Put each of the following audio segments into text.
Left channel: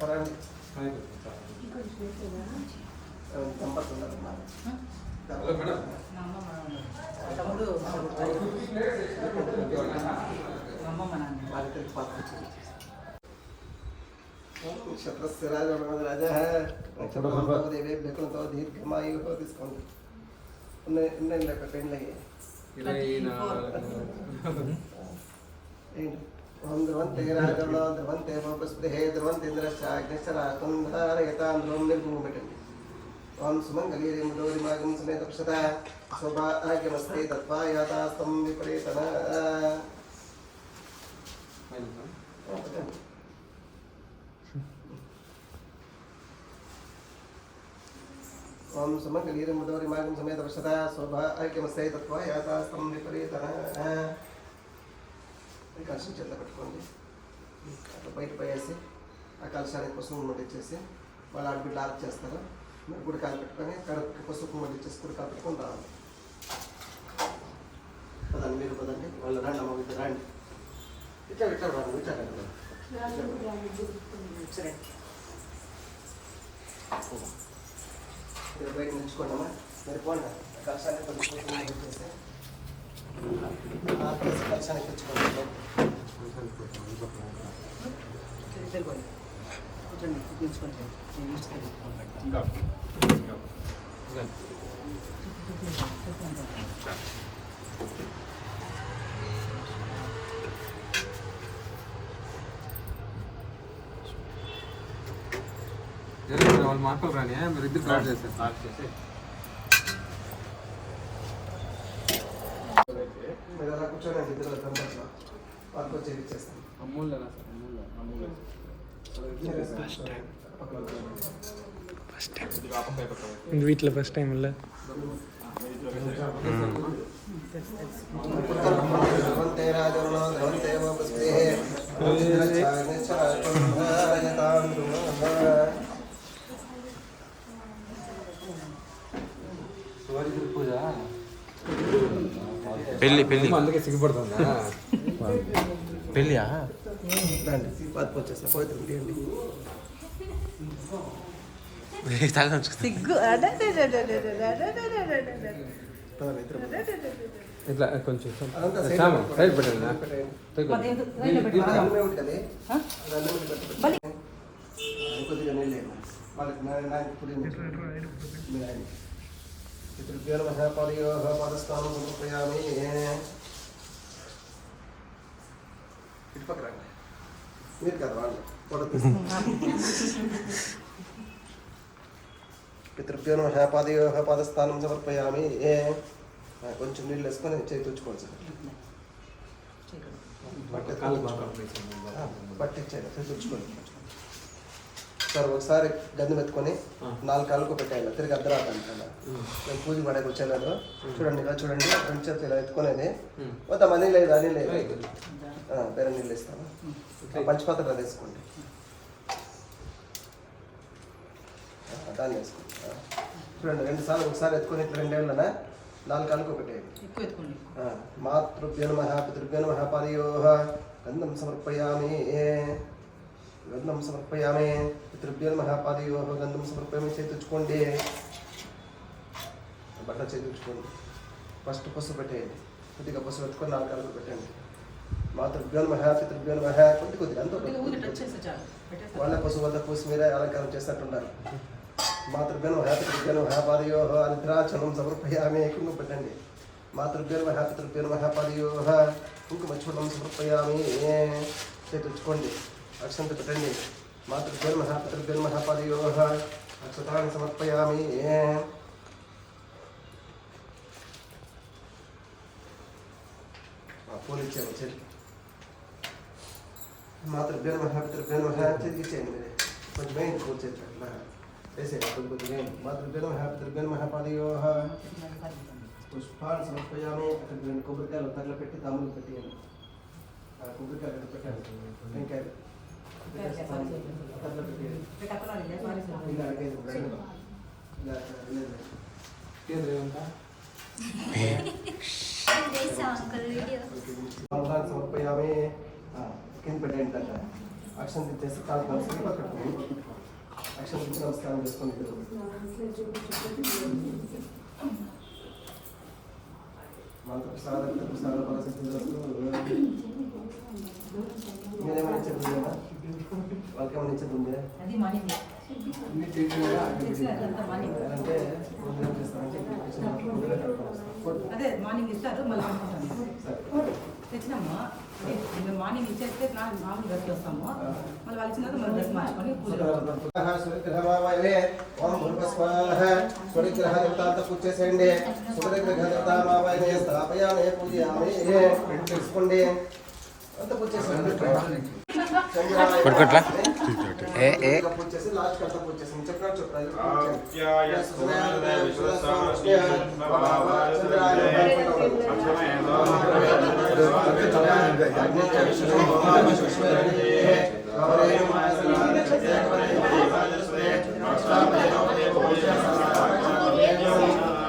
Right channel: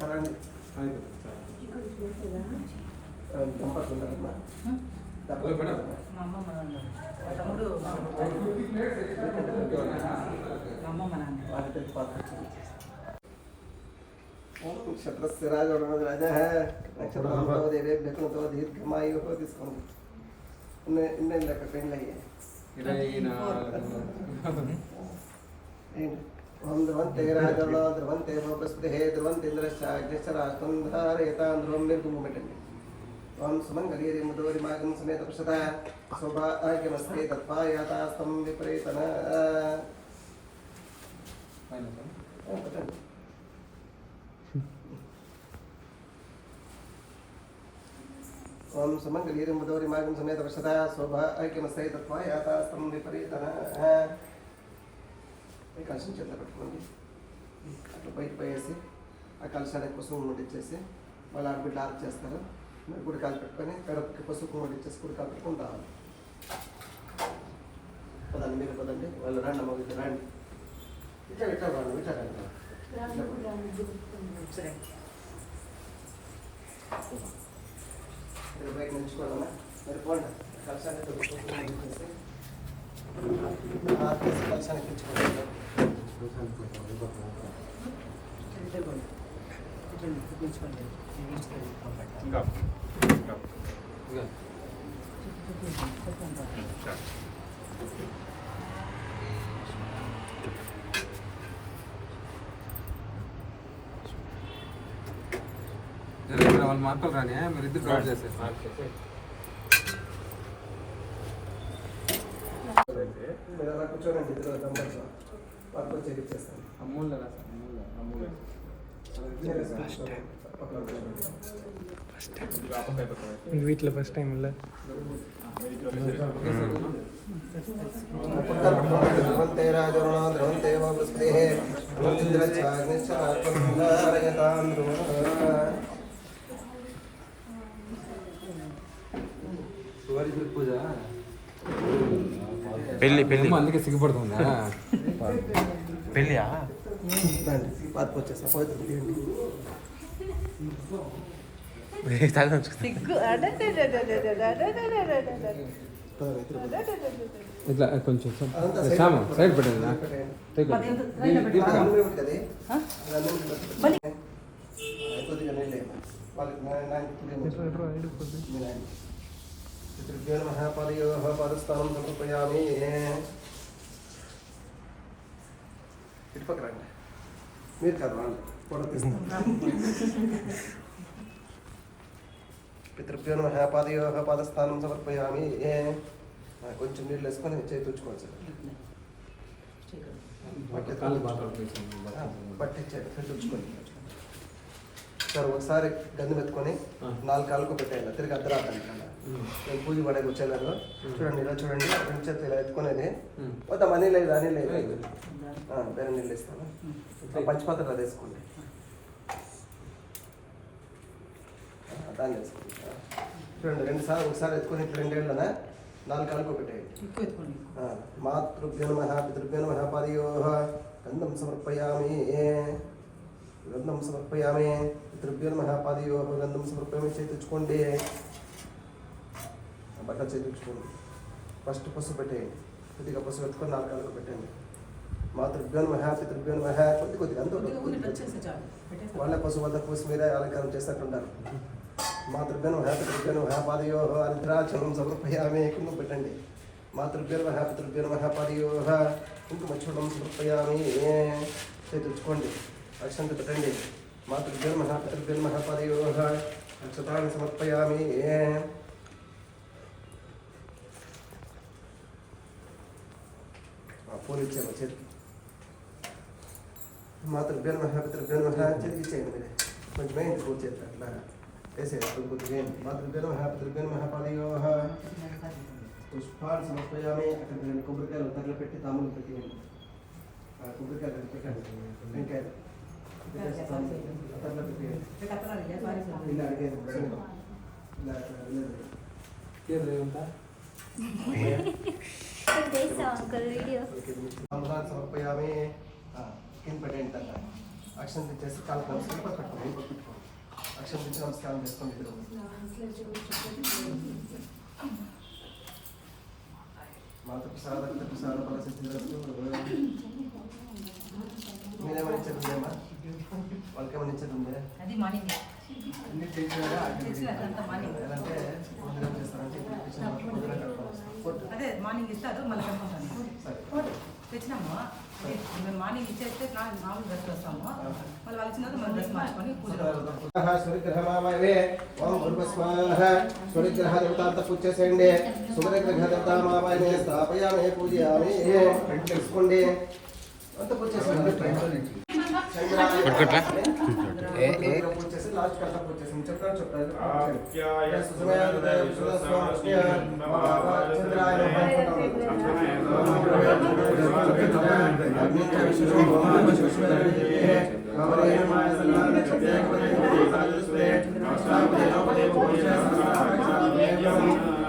नक्षत्र राजा है नक्षत्र दीर्घमायु ओम ध्रुवन्ते राजर्णो ध्रुवन्ते भवस्पतिः ध्रुवन्ते इन्द्रश्चाग्निश्चराकुन्धारयतां ध्रुवं निर्गुममिटन्ति ओम सुमङ्गलीरे मुदोरिमागं समेत पश्यता सौभाग्यमस्ते तत्पायातास्तं विपरीतन ओम सुमङ्गलीरे मुदोरिमागं समेत पश्यता सौभाग्यमस्ते तत्पायातास्तं विपरीतन कलशం చేత పట్టుకోండి అట్లా బయట పోయేసి ఆ కలశానికి పసుపు ముట్టించేసి మళ్ళీ అడుగు డార్క్ చేస్తారు మరి గుడి కాలు పెట్టుకొని కడుపుకి పసుపు ముట్టించేసి గుడి కాలు పెట్టుకొని రావాలి పదండి మీరు పదండి వాళ్ళు రండి అమ్మ ఇది రండి ఇట్లా ఇట్లా రాను ఇట్లా రండి మీరు బయట నిలుచుకోండి మరి పోండి కలశానికి పసుపు ముట్టించేసి కలశానికి తెచ్చుకోండి వాళ్ళు మార్కులు రాని మీరు ఇద్దరు డ్రాప్ చేసేస్తారు మీరు అలా కూర్చోండి ఇద్దరు మెంబర్స్ వర్క్ చేయించేస్తాను అమూల్య అమూల్య వీటిలో ఫస్ట్ టైం వెళ్ళా పూజ పెళ్ళి పెళ్ళి అందుకే సిగ్గుపడుతుంది పెళ్ళియా బాధ వచ్చేస్తా పవిత్రం తీయండి ఇట్లా కొంచెం సైడ్ పెట్టండి కొద్దిగా నీళ్ళు पितृभ्यो पादयोः पादस्थानं समर्पयामि మీరు కదా పితృభ్యో నమః పాదయోః పాదస్థానం సమర్పయామి కొంచెం నీళ్ళు వేసుకొని చేయి తుడుచుకోవచ్చు పట్టించేది తుడుచుకోండి సార్ ఒకసారి గంది మెత్తుకొని 4 కాళ్ళకు పెట్టాను తిరిగి అద్దరాకండి నేను పూజ పడే వచ్చేలాగా చూడండి ఇలా చూడండి రెండు చేతులు ఇలా ఎత్తుకునేది వద్ద మనీ లేదు అని లేదు వేరే నీళ్ళు ఇస్తాను పంచపాత్ర వేసుకోండి దాన్ని వేసుకోండి చూడండి 2 సార్లు ఒకసారి ఎత్తుకొని 2 ఏళ్ళనా 4 కాళ్ళకు పెట్టేయండి మాతృభ్యో నమః పితృభ్యో నమః పాదయోః గంధం సమర్పయామి గంధం సమర్పయామి పితృభ్యో నమః పాదయోః గంధం సమర్పయామి చేయించుకోండి బట్ట చేయించుకోండి ఫస్ట్ పసుపు పెట్టేయండి కొద్దిగా పసుపు పెట్టుకొని 4 కాళ్ళకు పెట్టండి మాతృభ్యో నమః పితృభ్యో నమః కొద్దిగా అంత వాళ్ళ పసుపు వద్ద పూసి మీరే అలంకారం చేసినట్టున్నారు మాతృభ్యో నమః పితృభ్యో నమః పాదయోః అర్ద్రాచలం సమర్పయామి కుంకుమ పెట్టండి మాతృభ్యో నమః పితృభ్యో నమః పాదయోః కుంకుమ చూడం సమర్పయామి చేయించుకోండి అక్షంత పెట్టండి మాతృభ్యో నమః పితృభ్యో నమః పాదయోః అక్షతాన్ని సమర్పయామి పూలు ఇచ్చాను చెల్లి మాతృభ్యో నమః పితృభ్యో నమః చేతికి ఇచ్చేయండి మీరే కొంచెం వేయండి పూజ చేతి అట్లా వేసేయండి కొద్దిగా వేయండి మాతృభ్యో నమః పితృభ్యో నమః పాదయోః పుష్పాన్ని సమర్పయామి అక్కడ కొబ్బరికాయలు తగల పెట్టి తాములు పెట్టేయండి కొబ్బరికాయలు పెట్టండి వెంకాయలు తగల పెట్టేయండి ఇలా అడిగేది సమర్పయామి కింద పెట్టేయండి తగ్గ అక్షరం తెచ్చేసి కాన్ఫరెన్స్ పెట్టుకోండి. అక్షరం తెచ్చి నమస్కారం చేసుకోండి. మీరేమైనా ఇచ్చేది ఉందా? వాళ్ళకేమైనా ఇచ్చేది ఉందా? అది మార్నింగ్ అన్ని చేయాలా? అంటే ముందు ఏం చేస్తారంటే అదే మార్నింగ్ ఇస్తారు మళ్ళీ కనుక్కుంటాను తెచ్చినాము. మేము మార్నింగ్ ఇచ్చేస్తే నాలుగు డ్రెస్ చేస్తాము. మళ్ళీ వాళ్ళు ఇచ్చినాక మనం డ్రెస్ మార్చుకొని పూజ పూజేసేయండి. సూర్యగ్రహమావాయనే స్థాపయామే పూజయామి తెలుసుకోండి. అంత పూజ చేసేయండి. పూజ చేసి లాస్ట్ కడతా పూజ చేసాం. చెప్పారు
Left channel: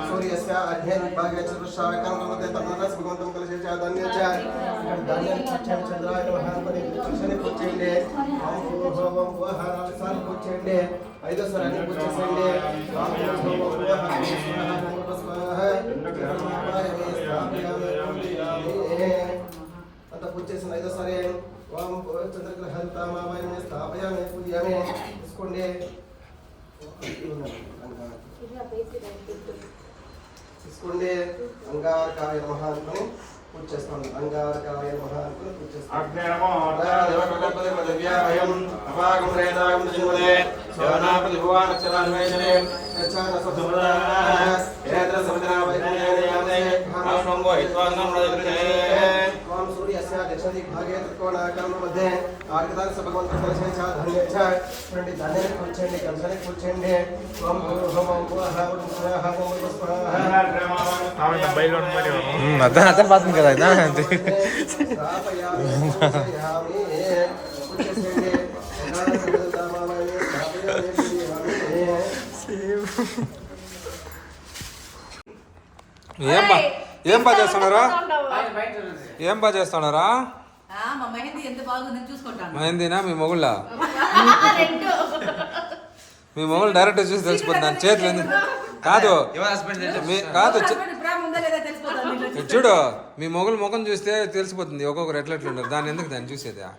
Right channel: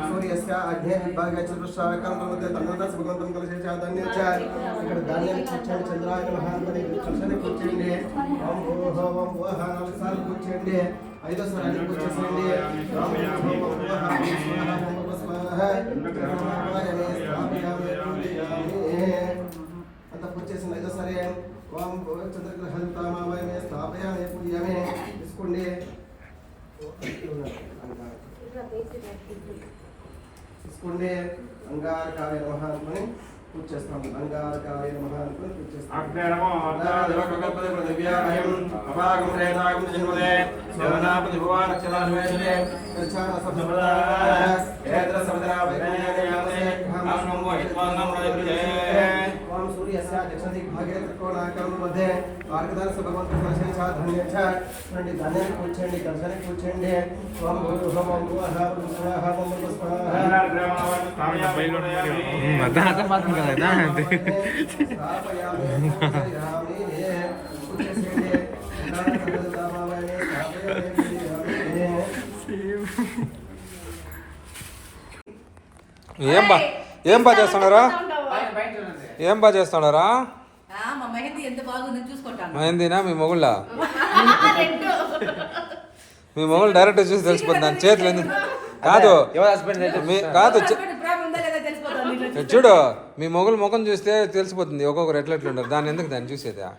సూర్యస్య అధ్యయన విభాగే చతుశ్రావకం నమతే తన్నస్ భగవంతం కలిసేచ ధాన్యచ ఇక్కడ ధాన్యాన్ని కూర్చోండి. చంద్రాయ మహాత్మని కూర్చొని కూర్చోండి. ఓం ఓం ఓం ఓం నాలుగు సార్లు కూర్చోండి. ఐదో సారి అన్ని కూర్చోసేయండి. అంత కూర్చేసింది. ఐదో సరే ఓం చంద్రగ్రహంతామావయమే స్థాపయామే పూజయామే తీసుకోండి. తీసుకోండి. అంగారకాయ నమః అనుకుని పూజ చేసుకోండి. అంగారకాయ నమః అనుకుని పూజ చేసుకోండి. ఓం సూర్యస్య దక్షిణదిగ్భాగే త్రికోణాకారం मध्ये ఆర్గదాన భగవంతుని దర్శనం ధాన్యచ్చ రండి. ధాన్యాన్ని కూర్చోండి. కంసాన్ని కూర్చోండి. ఓం భూర్భువః ఓం భువః ఓం స్వాహ ఓం స్వాహ అర్థం పాత్రం కదా ఏం బాగా చేస్తున్నారా? ఏం బాగా చేస్తున్నారా? మా మెహందీ ఎంత బాగుంది చూసుకుంటాను. మహేందీనా మీ మొగుళ్ళ? మీ మొగుళ్ళు డైరెక్ట్ చూసి తెలిసిపోతుంది. దాని చేతులు ఎందుకు కాదు కాదు చూడు, మీ మొగులు ముఖం చూస్తే తెలిసిపోతుంది ఒక్కొక్కరు ఎట్లెట్లుంటారు. దాన్ని ఎందుకు దాన్ని చూసేదా?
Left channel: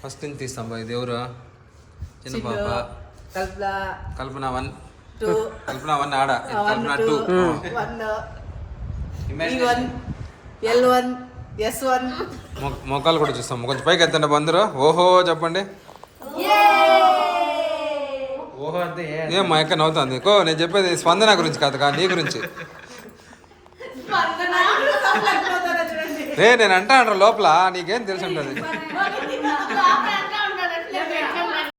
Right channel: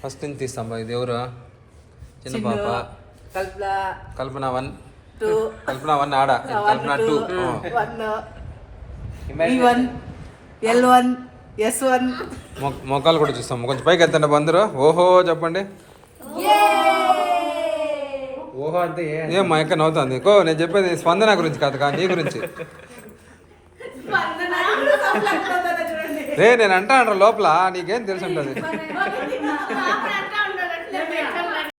ఫస్ట్ నుంచి తీస్తాం బా. ఇది ఎవరు? చిన్న పాప కల్పన 1, కల్పన 1 ఆడ, ఇది కల్పన 2. మొక్కలు కూడా చూస్తాం. కొంచెం పైకి ఎత్తండి బందరు. ఓహో చెప్పండి. ఓహో అంటే ఏం మా ఎక్క నవ్వుతుంది? కో నేను చెప్పేది స్పందన గురించి కాదు నీ గురించి. నేను అంటా లోపల నీకేం తెలిసి ఉంటుంది.